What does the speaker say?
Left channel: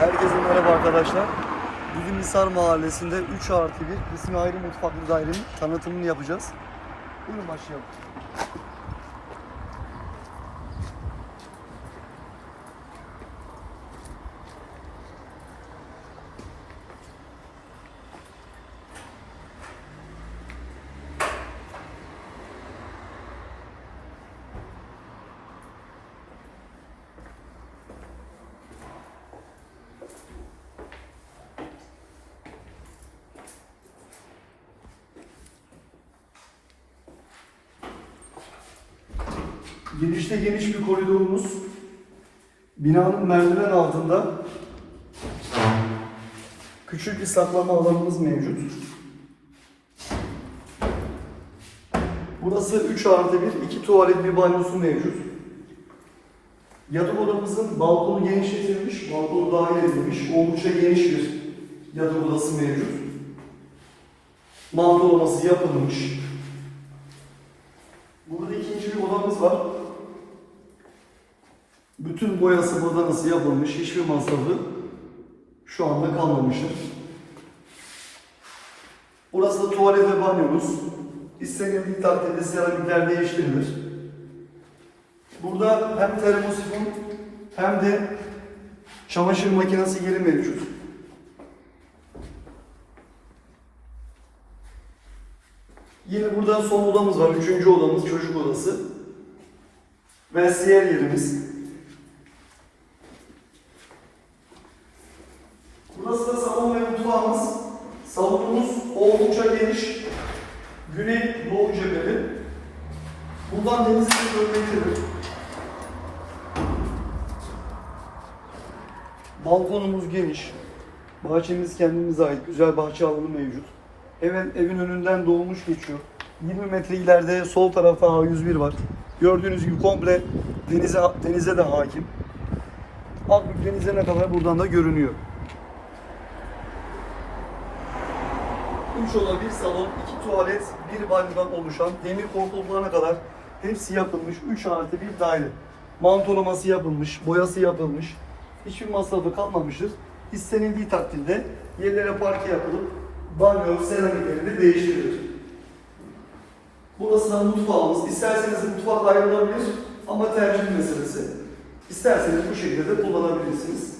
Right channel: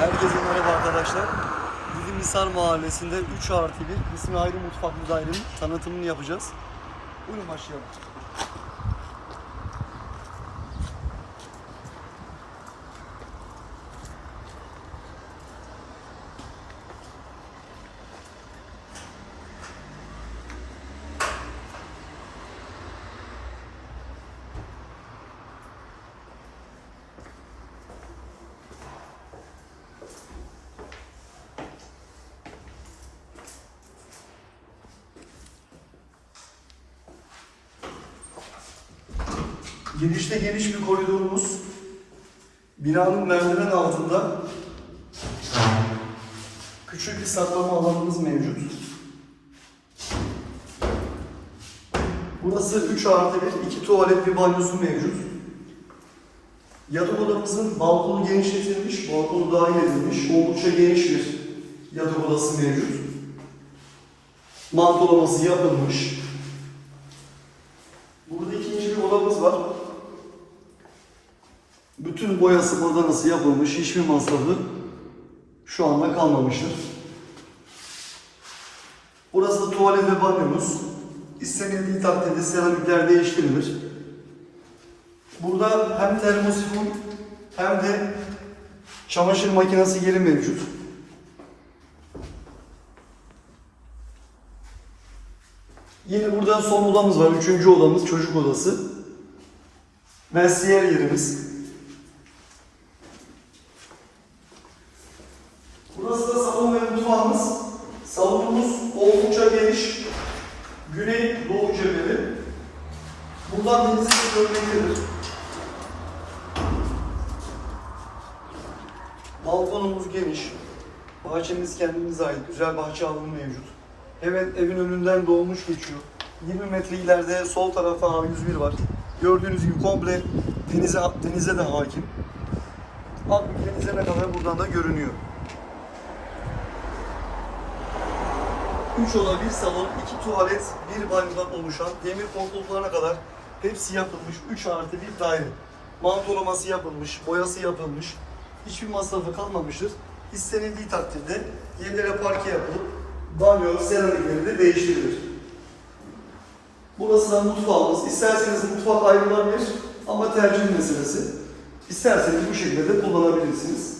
Herkese merhaba arkadaşlar. Dilimhisar Mahallesi'nde 3 artı 1 kısmi ayrı mutfaklı dairenin tanıtımını yapacağız. Buyurun başlayalım. Girişte geniş bir koridorumuz. Binanın merdiven altında küçük bir saklama alanımız mevcut. Burası 3 artı 1, 2 tuvalet, bir banyosu mevcut. Yatak odamızın balkonu genişletilmiş, balkonu dahil edilmiş, oldukça geniş bir yatak odası mevcut. Mantolaması yapılmış. Burada ikinci bir odamız var. Bütün boyası badanası yapılmış, hiçbir masrafı şu anda kalmamıştır. Burası da tuvalet ve banyomuz. İstenildiği takdirde seramikler değiştirilir. Burada hem termosifon hem de çamaşır makinesi yeri mevcut. Yine burada son odamız var. Üçüncü odamız çocuk odası. Vestiyer yerimiz. Ve mutfağımız. Salonumuz oldukça geniş. Güney doğu cepheli. Buradan denizi de görmektedir. Balkonumuz geniş. Bahçemiz kendimize ait. Güzel bahçe alanı mevcut. Evet, evin önünden dolmuş geçiyor. 20 metre ileride sol tarafta A101 var. Gördüğünüz gibi komple denize, denize de hakim. Akbük denize ne kadar buradan da görünüyor. 3 oda, 1 salon, 2 tuvalet, 1 banyodan oluşan demir koltuklarına kadar hepsi yapılmış 3 artı 1 daire. Mantolaması yapılmış, boyası yapılmış. Hiçbir masrafı kalmamıştır. İstenildiği takdirde yerlere parke yapılıp banyo, seramikleri de değiştirilir. Burası da mutfağımız. İsterseniz mutfak ayrılabilir ama tercih meselesi. İsterseniz bu şekilde de kullanabilirsiniz.